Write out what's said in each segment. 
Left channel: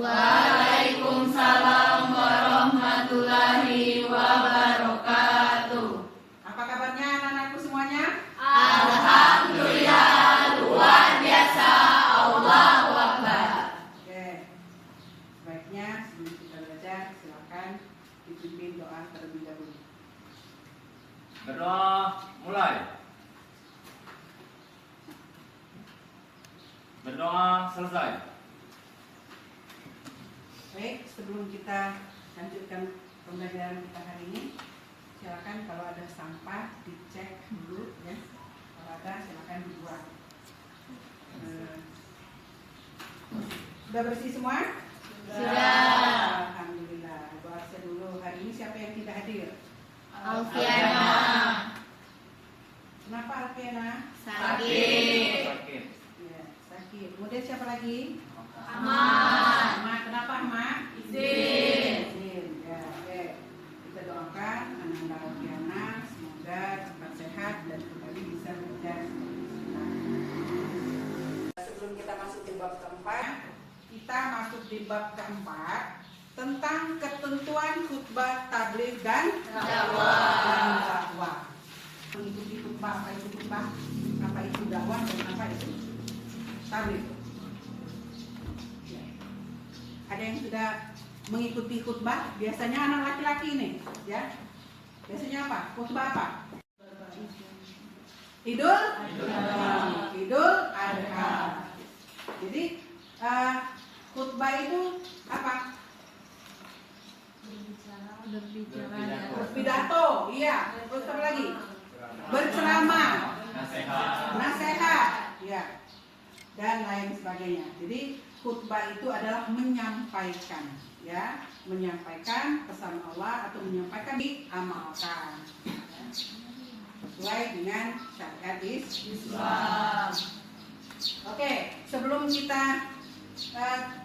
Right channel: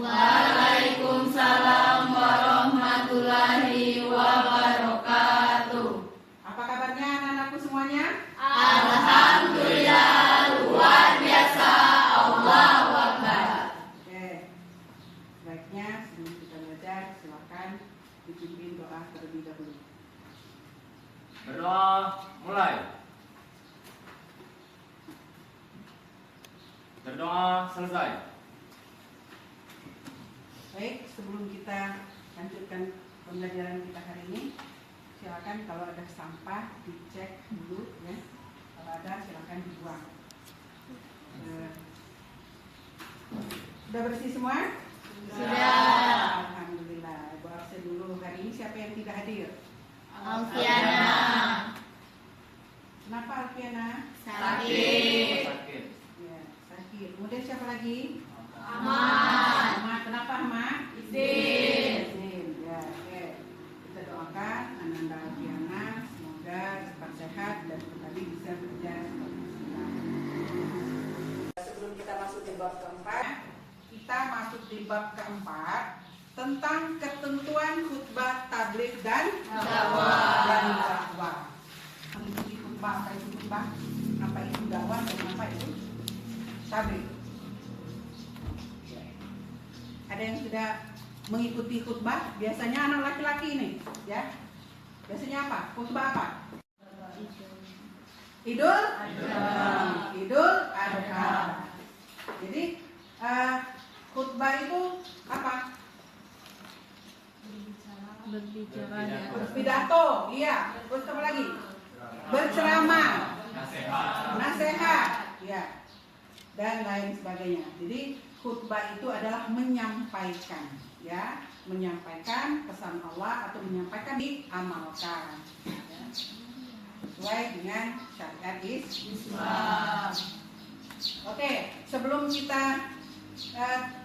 Waalaikumsalam warahmatullahi wabarakatuh. Apa kabarnya anak-anakku semuanya? Alhamdulillah, luar biasa. Allahu Akbar. Oke. Baiknya sebelum kita belajar, silakan dipimpin doa terlebih dahulu. Berdoa mulai. Berdoa selesai. Baik, sebelum kita lanjutkan pembelajaran kita hari ini, silakan kalau ada sampah dicek dulu ya. Kalau ada silakan dibuang. Sudah bersih semua? Sudah. Alhamdulillah. Doa dulu. Hari ini siapa yang tidak hadir? Alfiana Kenapa Alfiana? sakit. Sakit. Ya, sakit. Kemudian siapa lagi? Ahmad Ahmad. Kenapa Ahmad? izin. Izin. Ya, oke. Kita doakan Ananda Alfiana semoga cepat sehat dan kembali bisa belajar. Sebelum kita masuk di bab keempat, kita masuk di bab keempat tentang ketentuan khutbah tabligh dan dakwah. Mengikuti khutbah, apa itu khutbah, apa itu dakwah, dan apa itu tabligh. Ya. Ada yang sudah mengikuti khutbah? Biasanya anak laki-laki ini, ya. Biasanya apa? Khutbah apa? Idul Adha. Jadi khutbah itu apa? Berpidato, iya. Terus apa lagi? Berceramah, nasihat, ya, dan lain sebagainya. Jadi khutbah itu adalah menyampaikan, ya, menyampaikan pesan Allah atau menyampaikan diamalkan, ya, sesuai dengan syariat Islam. Oke, sebelum kita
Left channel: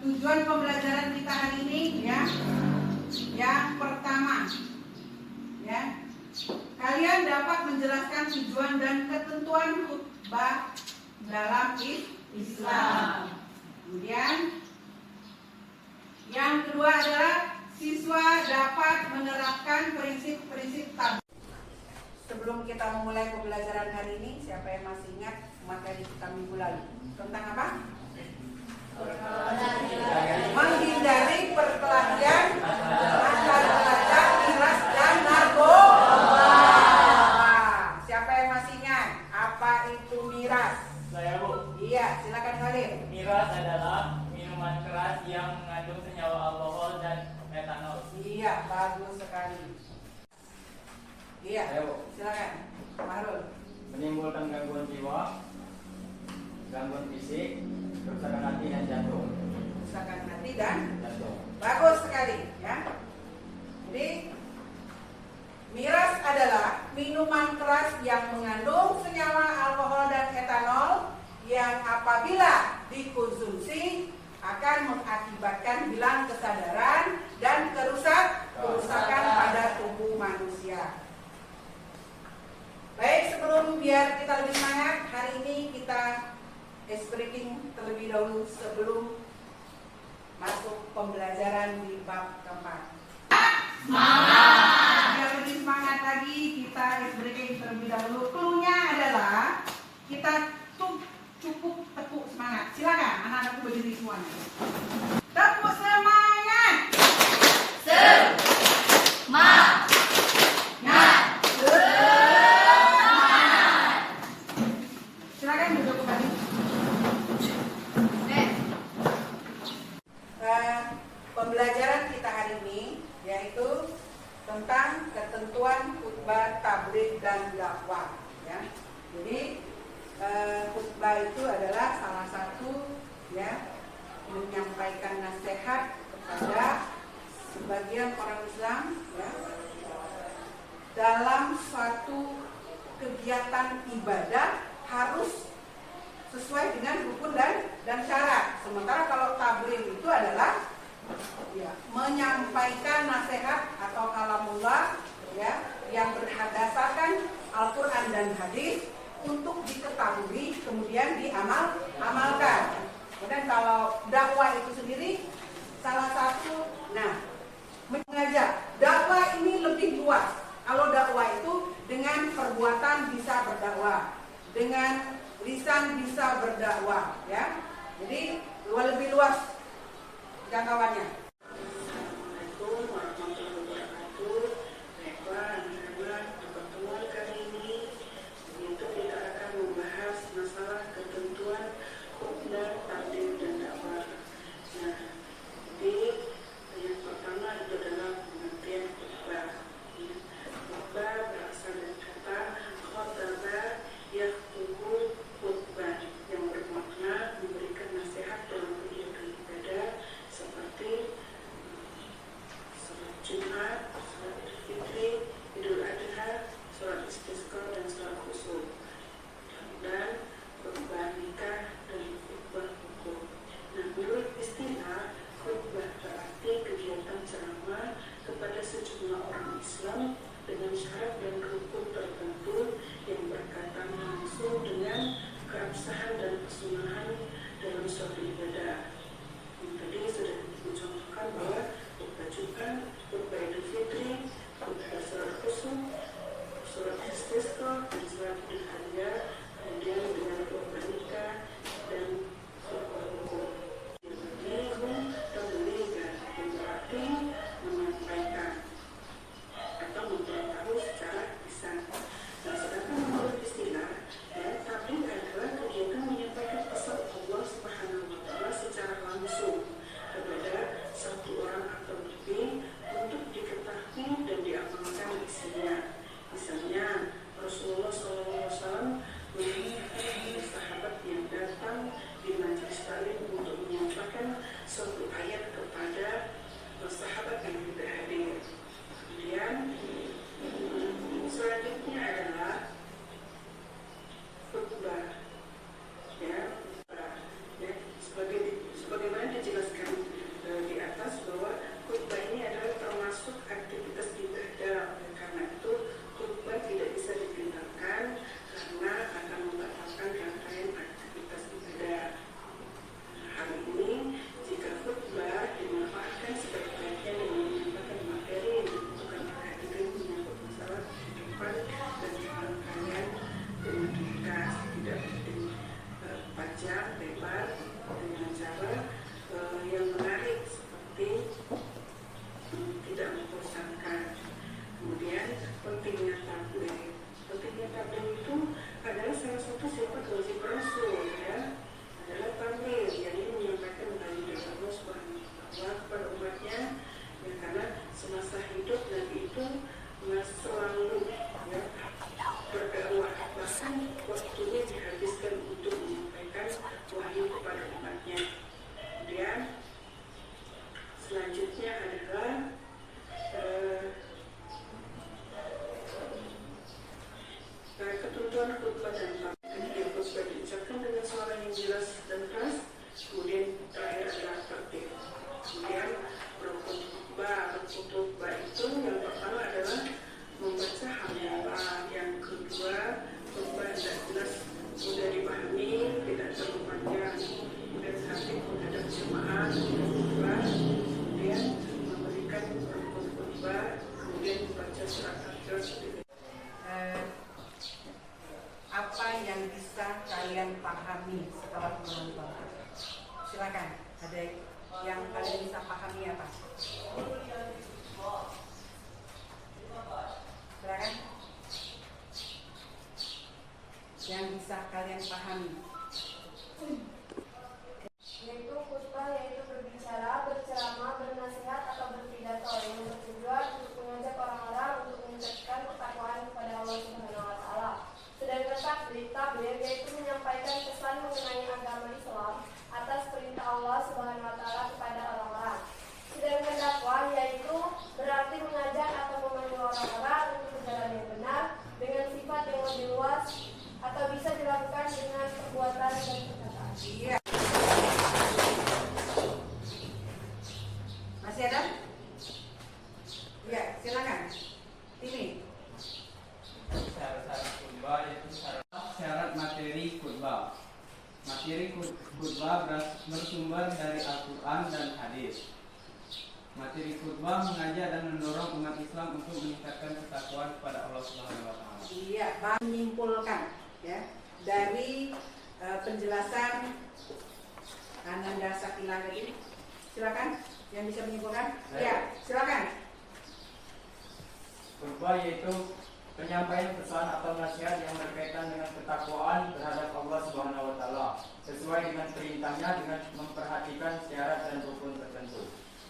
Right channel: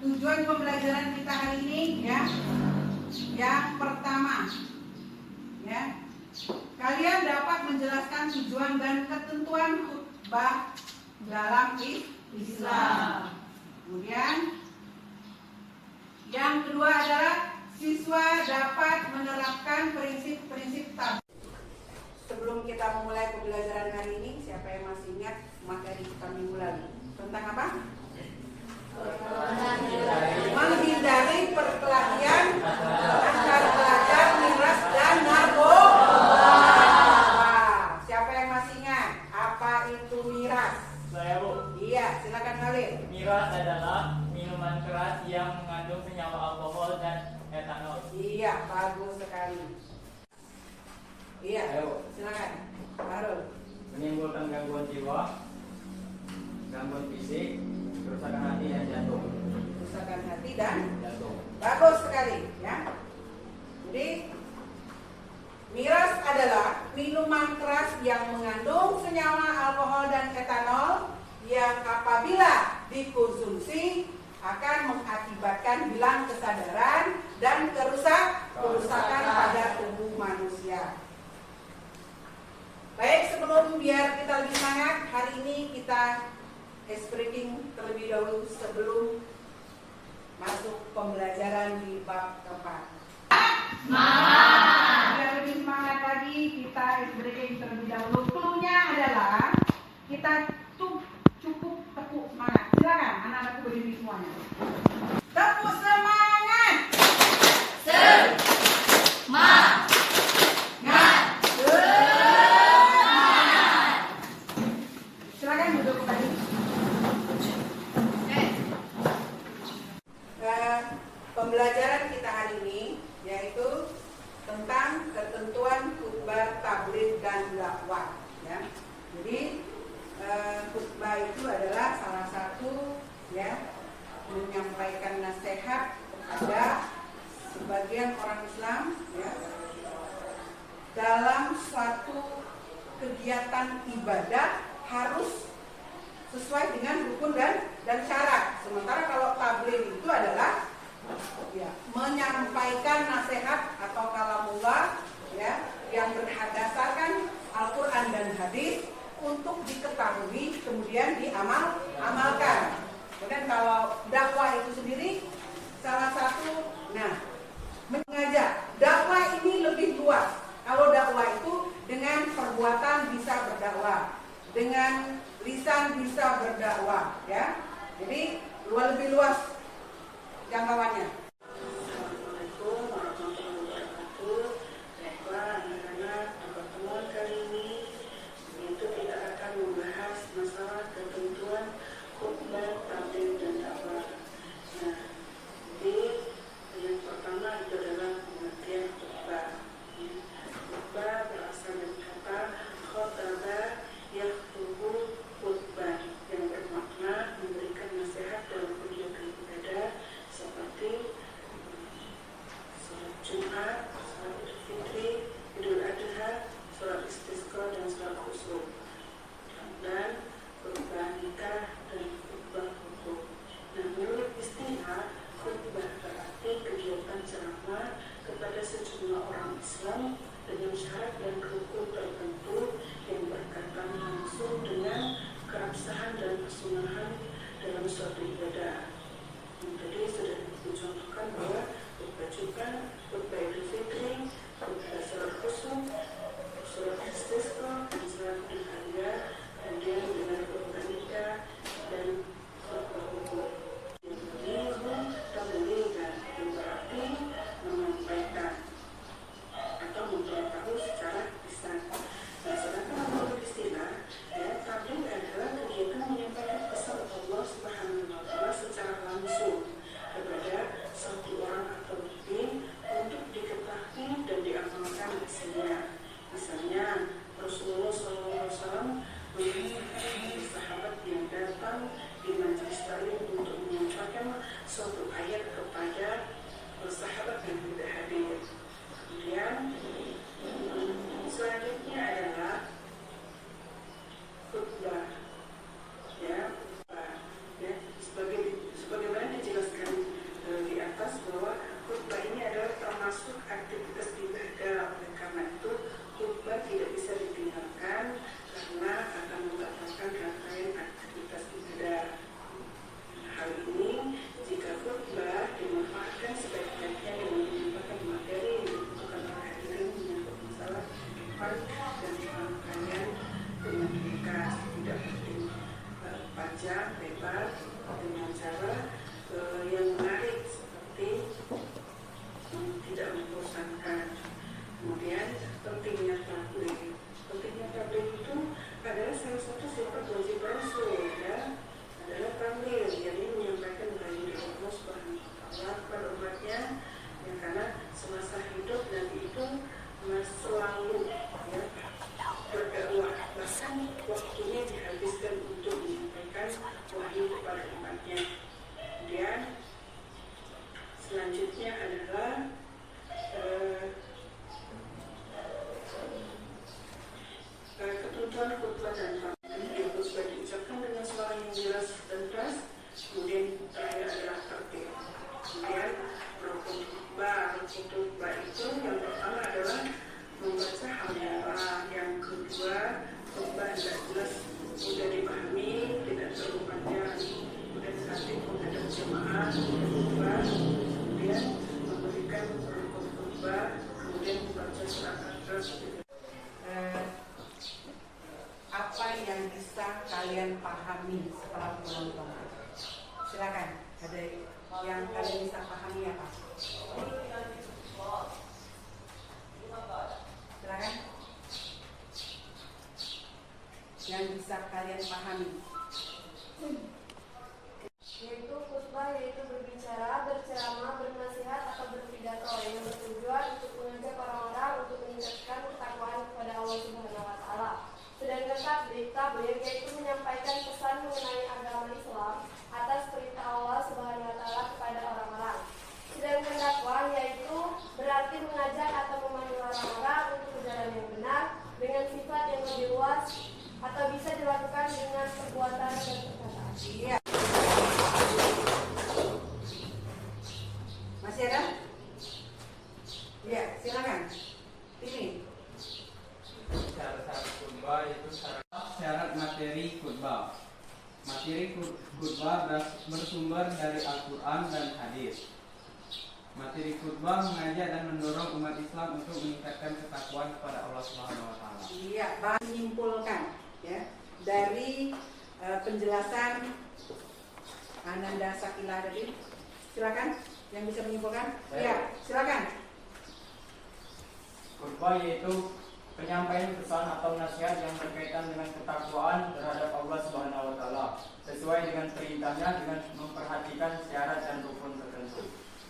tujuan pembelajaran kita hari ini, ya, yang pertama, ya, kalian dapat menjelaskan tujuan dan ketentuan khutbah dalam Islam. Kemudian yang kedua adalah siswa dapat menerapkan prinsip-prinsip tabligh. Sebelum kita memulai pembelajaran hari ini, siapa yang masih ingat materi kita minggu lalu? Tentang apa? Menghindari perkelahian antara pelajar, miras, dan narkoba. Siapa yang masih ingat apa itu miras? Saya, Bu. Iya, silakan Khalid. Miras adalah minuman keras yang mengandung senyawa alkohol dan etanol. Iya, bagus sekali. Iya, Ayo. silakan Mahrul. Menimbulkan gangguan jiwa, gangguan fisik, kerusakan hati dan jantung. Kerusakan hati dan Jantung. bagus sekali, ya. Jadi miras adalah minuman keras yang mengandung senyawa alkohol dan etanol yang apabila dikonsumsi akan mengakibatkan hilang kesadaran dan kerusakan pada tubuh manusia. Baik, sebelum biar kita lebih semangat, hari ini kita ice breaking terlebih dahulu sebelum masuk pembelajaran di bab keempat. Semangat. Biar lebih semangat lagi, kita ice breaking terlebih dahulu. Cluenya adalah kita cukup tepuk semangat. Silakan anak-anakku berdiri semuanya. Tepuk semangat. Semangat. Silakan duduk kembali. Pembelajaran kita hari ini yaitu tentang ketentuan khutbah tabligh dan dakwah. Ya. Jadi khutbah itu adalah salah satu, ya, menyampaikan nasihat kepada sebagian orang Islam, ya, dalam suatu kegiatan ibadah harus sesuai dengan rukun dan syarat. Sementara kalau tabligh itu adalah, ya, menyampaikan nasihat atau kalamullah, ya, yang berdasarkan Al-Quran dan hadis untuk diketahui kemudian diamalkan. Kemudian kalau dakwah itu sendiri Selanjutnya adalah ketentuan khutbah dan pamit. Yang khutbah diucapkan dengan suara yang jelas dan keras. Kemudian terakhir adalah tertib. Kemudian rukun khutbah itu yang pertama adalah membaca hamdalah. Yang kedua, khutbah tidak jelas, mudah dipahami, tidak terlalu panjang, mudah terhati menghadap jemaah khutbah. Kemudian memberikan rukun khutbah, kemudian membaca surat al-Fatihah. Apa yang bisa kalian pahami setelah menonton? Silakan. Ada yang kalian bisa pahami apa? Silakan. Yang bisa kalian pahami. Yaitu khutbah, yaitu berbicara, berceramah, bernasihat atau berpidato yang bertujuan untuk mengajak orang-orang untuk meningkatkan ketakwaan kepada Allah Subhanahu wa taala. Sedangkan takbir yaitu menyampaikan pesan mengenai agama Islam atas perintah Allah Subhanahu wa taala kepada orang-orang. Sedangkan dakwah yaitu berarti mengajak atau memandu orang-orang untuk ke jalan yang benar dengan sifat yang lebih luas atau bisa dilakukan dengan perbuatan dan perkataan. Iya. Masih ada? Iya, silakan. Ini. Syarat-syarat khutbah yaitu syarat materi khutbah. Materi khutbah bersumber dari Al-Quran dan hadis. Materi khutbah mengajak dan mendorong umat Islam untuk meningkatkan ketakwaan kepada Allah Subhanahu wa taala. Iya, menyimpulkan ya dari penjelasan Ananda Sakila tadi. Silakan yang bisa menyimpulkan. Ya, silakan. Khutbah yaitu penyampaian pesan atau nasihat yang berkaitan dengan ketakwaan terhadap Allah Subhanahu wa taala sesuai dengan perintahnya dengan memperhatikan syarat dan rukun tertentu.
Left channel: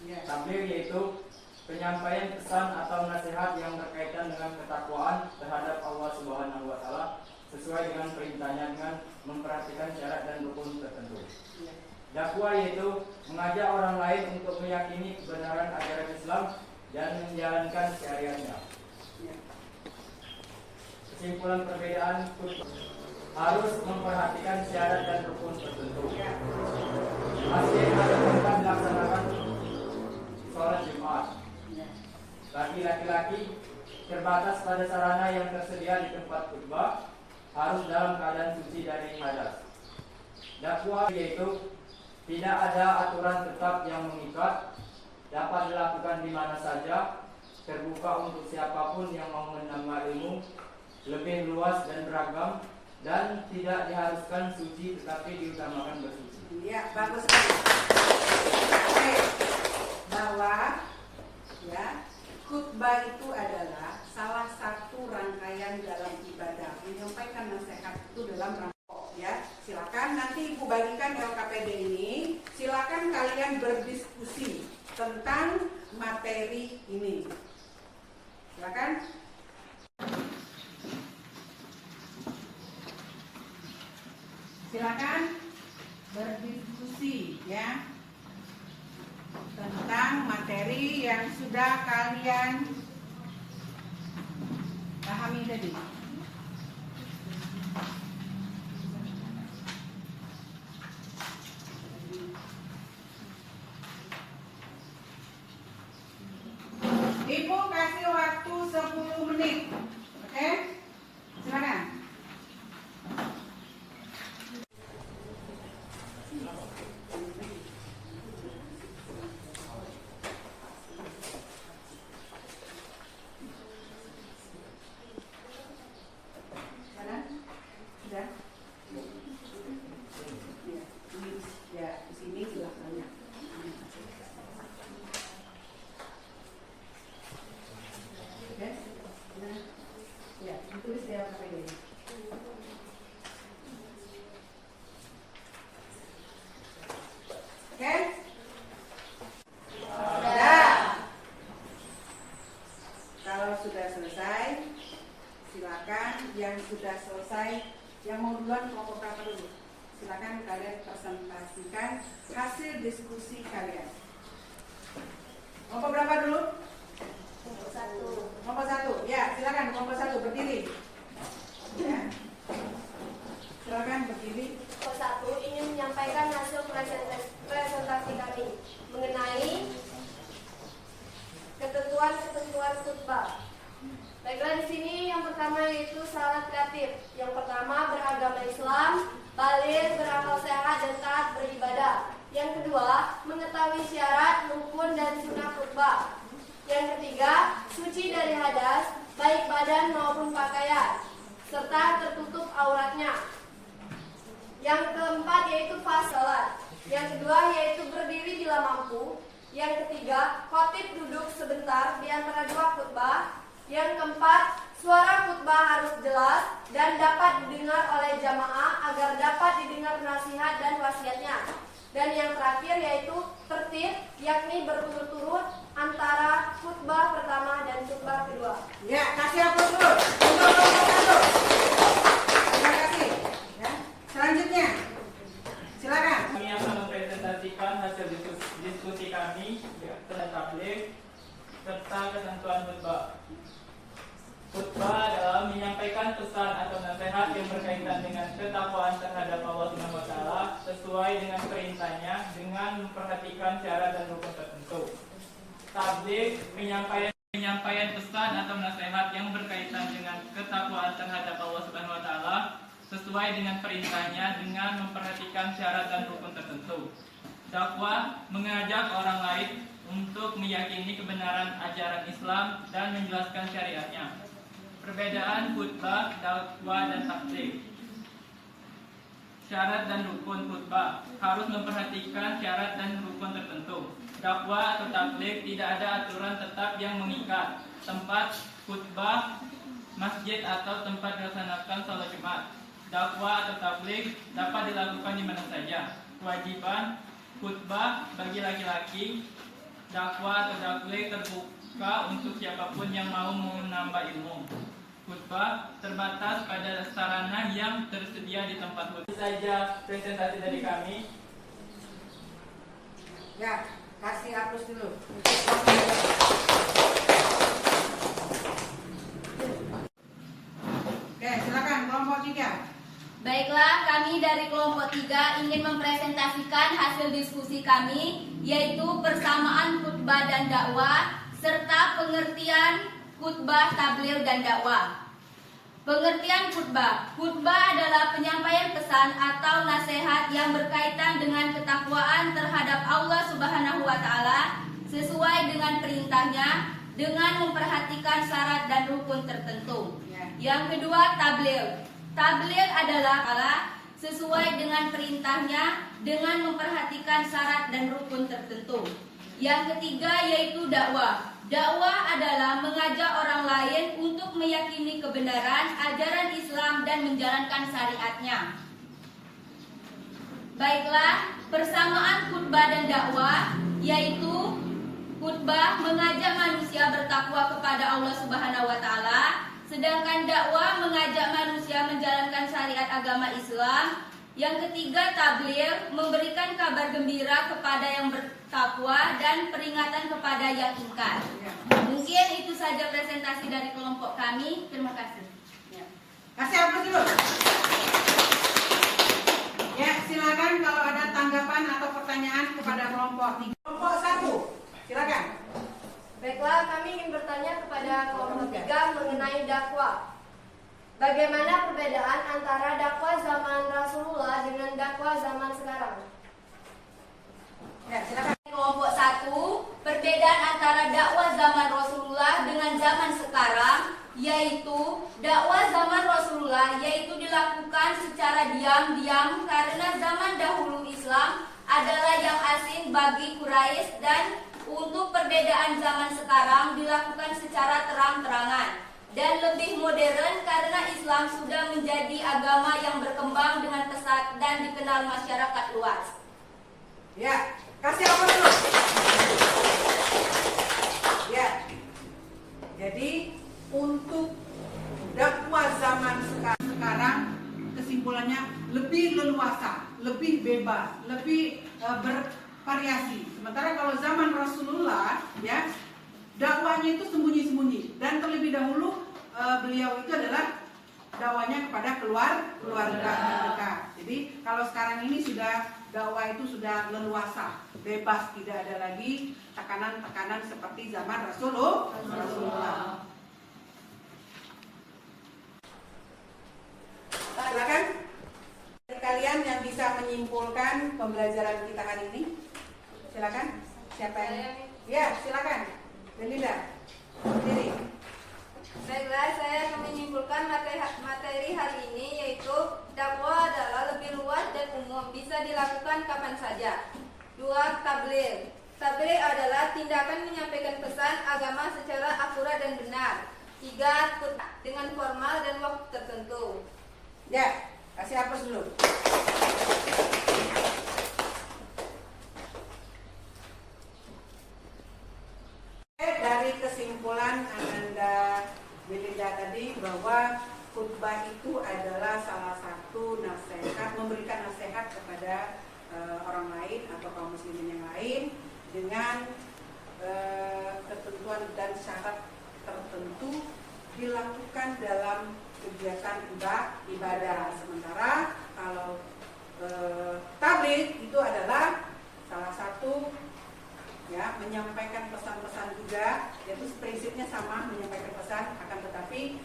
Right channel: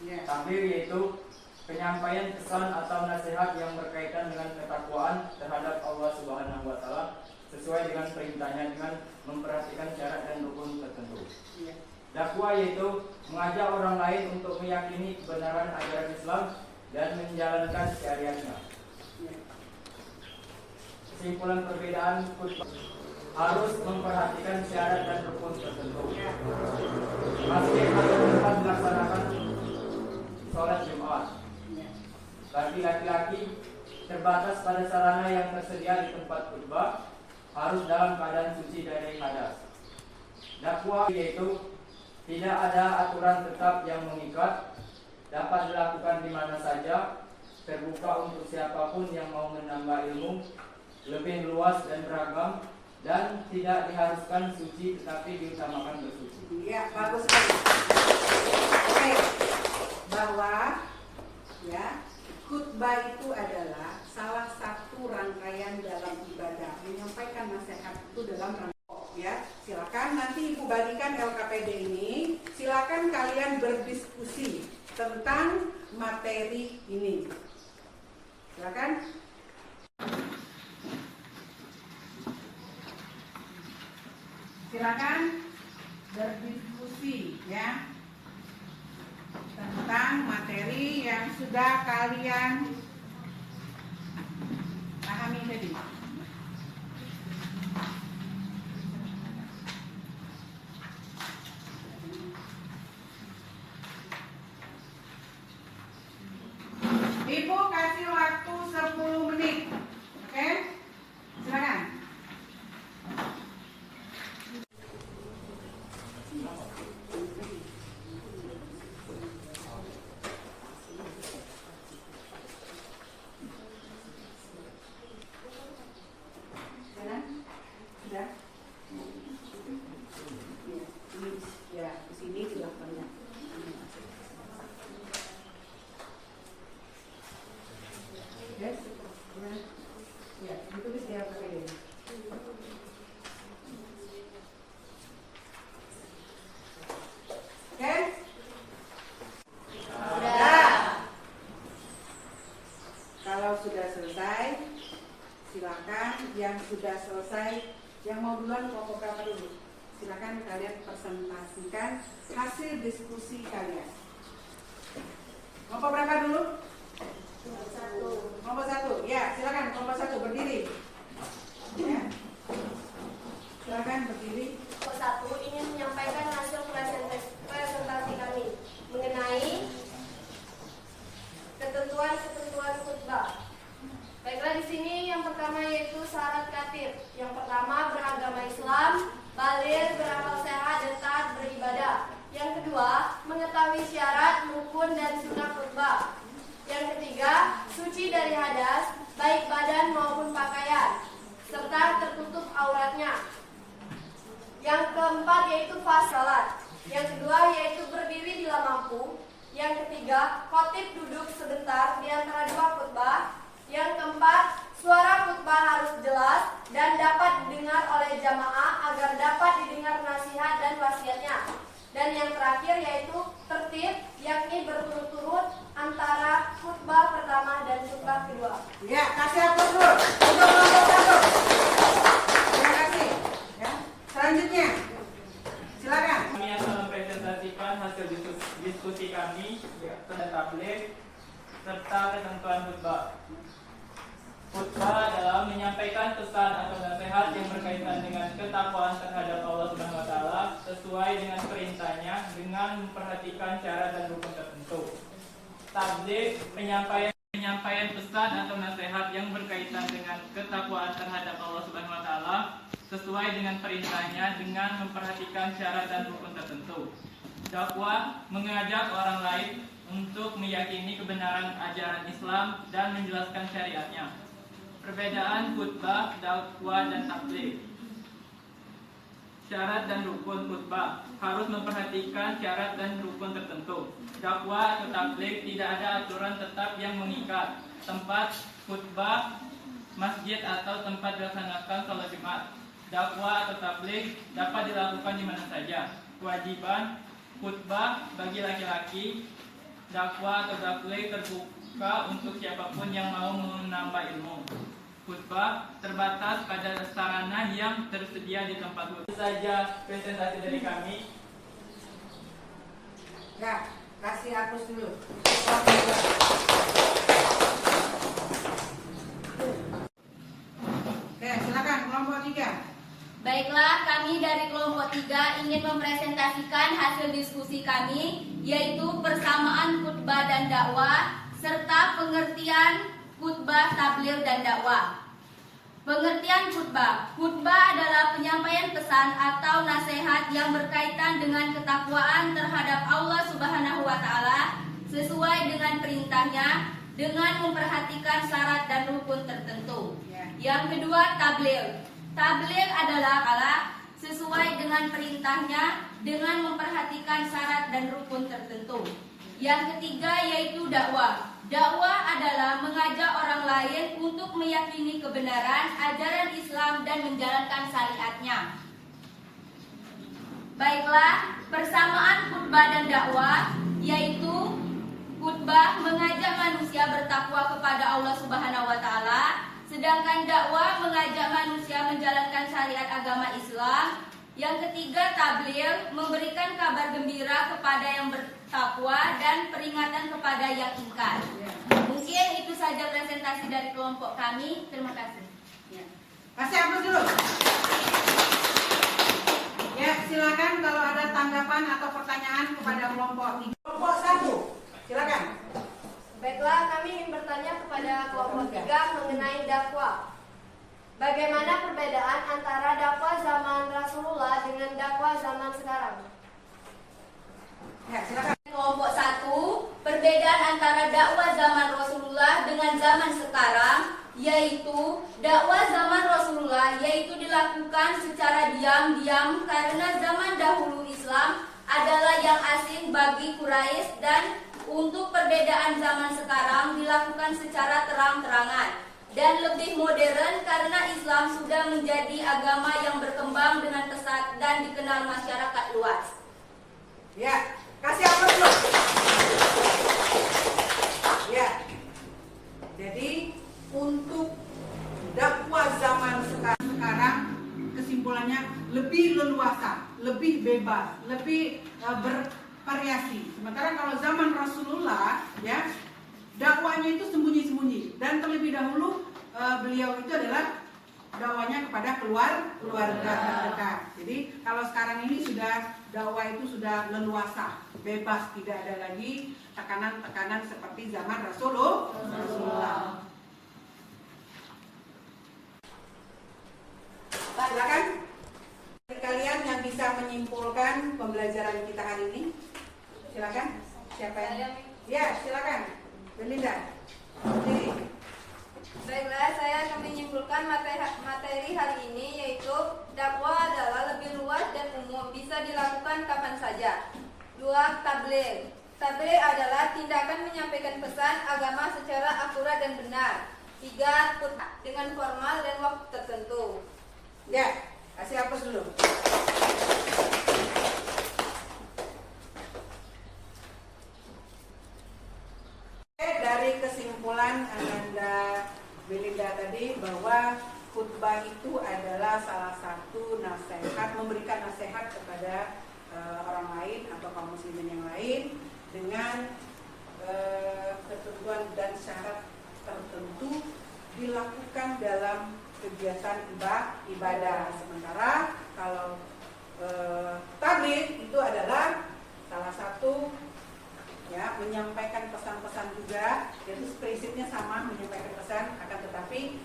Ya. Takbir yaitu penyampaian pesan atau nasihat yang berkaitan dengan ketakwaan terhadap Allah Subhanahu wa taala sesuai dengan perintahnya dengan memperhatikan syarat dan rukun tertentu. Ya. Dakwah yaitu mengajak orang lain untuk meyakini kebenaran ajaran Islam dan menjalankan syariatnya. Ya. Kesimpulan perbedaan khutbah harus memperhatikan syarat dan rukun tertentu. Ya. Masih ada tempat dilaksanakan sholat Jumat. Ya. Bagi laki-laki terbatas pada sarana yang tersedia di tempat khutbah harus dalam keadaan suci dari hadas. Dakwah yaitu tidak ada aturan tetap yang mengikat, dapat dilakukan di mana saja, terbuka untuk siapapun yang mau menambah ilmu, lebih luas dan beragam, dan tidak diharuskan suci tetapi diutamakan bersuci. Ya, bagus sekali. Oke, bahwa ya khutbah itu adalah salah satu rangkaian dalam ibadah. Menyampaikan nasihat itu dalam rangkaian. Ya, silakan nanti Ibu bagikan LKPD ini. Silakan kalian berdiskusi tentang materi ini. Silakan. Silakan berdiskusi ya tentang materi yang sudah kalian pahami tadi. Ibu kasih waktu 10 menit. Oke? Silakan. Sudah? Sudah? Ya, di sini sudah banyak. Yes? Ya, ditulis di LKPD. Oke? Sudah. Kalau sudah selesai, silakan yang sudah selesai, yang mau duluan kelompok berapa dulu? Silakan kalian presentasikan hasil diskusi kalian. berapa dulu? Satu. Kelompok 1. Ya, silakan kelompok 1 berdiri. Ya. Silakan berdiri. Kelompok 1 ingin menyampaikan hasil presentasi kami mengenai ketentuan khutbah. Baiklah, di sini yang pertama yaitu syarat khatib. Yang pertama beragama Islam, baligh, berakal sehat dan taat beribadah. Yang kedua, mengetahui syarat, rukun dan sunnah khutbah. Yang ketiga, suci dari hadas, baik badan maupun pakaian, serta tertutup auratnya. Yang keempat yaitu fas salat. Yang kedua yaitu berdiri bila mampu. Yang ketiga, khatib duduk sebentar di antara dua khutbah. Yang keempat, suara khutbah harus jelas dan dapat didengar oleh jamaah agar dapat didengar nasihat dan wasiatnya. Dan yang terakhir yaitu tertib, yakni berturut-turut antara khutbah pertama dan khutbah kedua. Ya, kasih aplaus dulu untuk kelompok 1. Terima kasih. Ya. Selanjutnya, silakan. Kami akan mempresentasikan hasil diskusi kami tentang tabligh serta ketentuan khutbah. Khutbah adalah menyampaikan pesan atau nasihat yang berkaitan dengan ketakwaan terhadap Allah Subhanahu wa taala sesuai dengan perintahnya dengan memperhatikan syarat dan rukun tertentu. Tabligh penyampaian pesan atau nasihat yang berkaitan dengan ketakwaan terhadap Allah Subhanahu wa taala sesuai dengan perintahnya dengan memperhatikan syarat dan rukun tertentu. Dakwah mengajak orang lain untuk meyakini kebenaran ajaran Islam dan menjelaskan syariatnya. Perbedaan khutbah, dakwah dan tabligh. Syarat dan rukun khutbah harus memperhatikan syarat dan rukun tertentu. Dakwah atau tabligh tidak ada aturan tetap yang mengikat. Tempat khutbah, masjid atau tempat dilaksanakan salat Jumat. Dakwah atau tabligh dapat dilakukan di mana saja. Kewajiban khutbah bagi laki-laki, dakwah atau tabligh terbuka untuk siapapun yang mau menambah ilmu. Khutbah terbatas pada sarana yang tersedia di tempat khutbah. Itu saja presentasi dari kami. Ya, kasih aplaus dulu. Oke, silakan kelompok 3. Baiklah, kami dari kelompok 3 ingin mempresentasikan hasil diskusi kami, yaitu persamaan khutbah dan dakwah, serta pengertian khutbah, tabligh dan dakwah. Pengertian khutbah. Khutbah adalah penyampaian pesan atau nasihat yang berkaitan dengan ketakwaan terhadap Allah Subhanahu wa taala sesuai dengan perintahnya dengan memperhatikan syarat dan rukun tertentu. Yang kedua, tabligh. Tabligh adalah sesuai dengan perintahnya dengan memperhatikan syarat dan rukun tertentu. Yang ketiga yaitu dakwah. Dakwah adalah mengajak orang lain untuk meyakini kebenaran ajaran Islam dan menjalankan syariatnya. Baiklah, persamaan khutbah dan dakwah yaitu khutbah mengajak manusia bertakwa kepada Allah Subhanahu wa taala, sedangkan dakwah mengajak manusia menjalankan syariat agama Islam. Yang ketiga, tabligh memberikan kabar gembira kepada yang bertakwa dan peringatan kepada yang ingkar. Mungkin itu saja presentasi dari kelompok kami. Terima kasih. Kasih aplaus dulu. Ya, silakan kalau ada tanggapan atau pertanyaan kepada kelompok 3. Kelompok 1, silakan. Baiklah, kami ingin bertanya kepada kelompok 3 mengenai dakwah. Bagaimana perbedaan antara dakwah zaman Rasulullah dengan dakwah zaman sekarang? Ya, silakan. Kelompok 1, perbedaan antara dakwah zaman Rasulullah dengan zaman sekarang yaitu dakwah zaman Rasulullah yaitu dilakukan secara diam-diam karena zaman dahulu Islam adalah yang asing bagi Quraisy, dan untuk perbedaan zaman sekarang dilakukan secara terang-terangan dan lebih modern karena Islam sudah menjadi agama yang berkembang dengan pesat dan dikenal masyarakat luas. Ya, kasih aplaus dulu. Ya. Jadi untuk dakwah zaman sekarang kesimpulannya lebih leluasa, lebih bebas, lebih bervariasi. Sementara kalau zaman Rasulullah ya dakwanya itu sembunyi-sembunyi, dan terlebih dahulu beliau itu adalah dakwanya kepada keluarga terdekat. Jadi kalau sekarang ini sudah dakwah itu sudah leluasa, bebas, tidak ada lagi tekanan-tekanan seperti zaman Rasulullah. Silakan kalian yang bisa menyimpulkan pembelajaran kita hari ini. Silakan. Siapa yang? Ya, silakan. Belinda. Sendiri. Baiklah, saya akan menyimpulkan materi hari ini, yaitu dakwah adalah lebih luas dan umum, bisa dilakukan kapan saja. 2. Tabligh. Tabligh adalah tindakan menyampaikan pesan agama secara akurat dan benar. 3. Khutbah dengan formal dan waktu tertentu. Ya, kasih hapus dulu. Dari kesimpulan Ananda Belinda tadi bahwa khutbah itu adalah salah satu nasihat, memberikan nasihat kepada orang lain atau kaum muslimin yang lain dengan ketentuan dan syarat tertentu dilakukan dalam kegiatan ibadah. Sementara kalau tabligh itu adalah salah satu ya, menyampaikan pesan-pesan juga, jadi prinsipnya sama, menyampaikan pesan, akan tetapi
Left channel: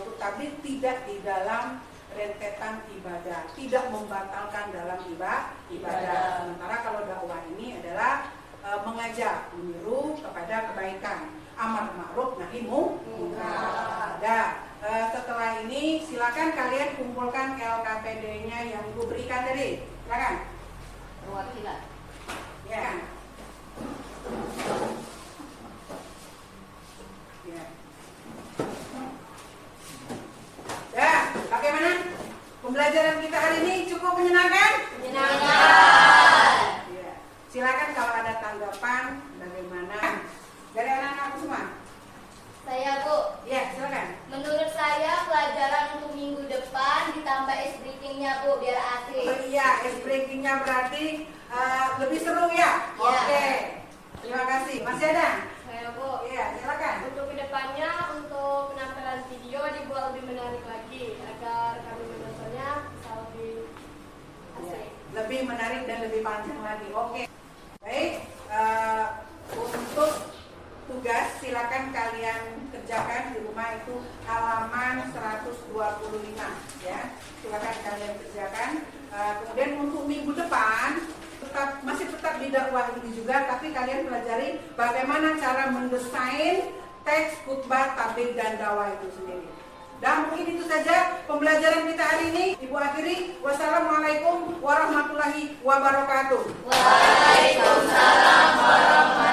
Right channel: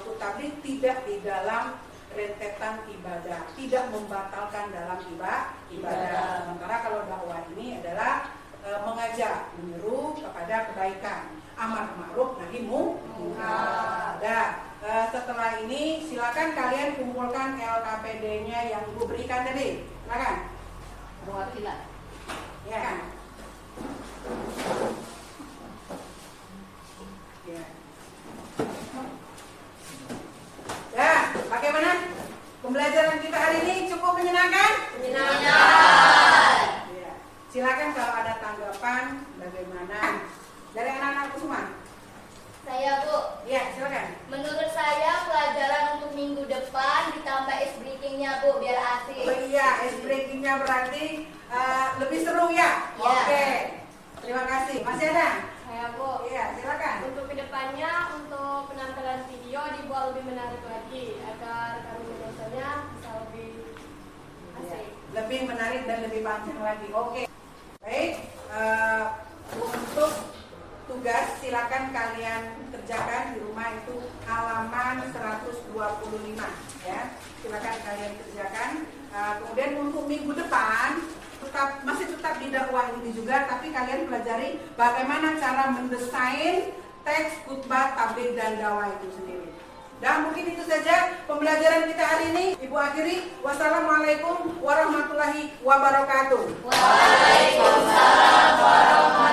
untuk tabligh tidak di dalam rentetan ibadah, tidak membatalkan dalam ibadah. Sementara kalau dakwah ini adalah mengajak, menyeru kepada kebaikan, amar ma'ruf nahi munkar. Setelah ini silakan kalian kumpulkan LKPD-nya yang Ibu berikan tadi. Silakan. Perwakilan. Ya. Ya, bagaimana pembelajaran kita hari ini? Cukup menyenangkan? Menyenangkan. Ya. Silakan kalau ada tanggapan bagaimana dari anak-anakku semua. Saya Bu, Ya, silakan. menurut saya pelajaran untuk minggu depan ditambah ice breaking-nya Bu, biar asik. Oh iya, ice breaking-nya berarti lebih seru ya? Ya. Oke. Terima kasih. Masih ada? Saya Bu, Iya, silakan. untuk kedepannya, untuk penampilan video dibuat lebih menarik lagi agar kami menontonnya bisa lebih Ya, asik. lebih menarik dan lebih panjang lagi. Oke. Baik, untuk tugas silakan kalian kerjakan di rumah itu halaman 125 ya. Silakan kalian kerjakan. Kemudian untuk minggu depan masih tetap di dakwah ini juga, tapi kalian pelajari bagaimana cara mendesain teks khutbah, tabligh dan dakwah itu sendiri. Dan mungkin itu saja pembelajaran kita hari ini. Ibu akhiri, wassalamualaikum warahmatullahi wabarakatuh. Waalaikumsalam warahmatullahi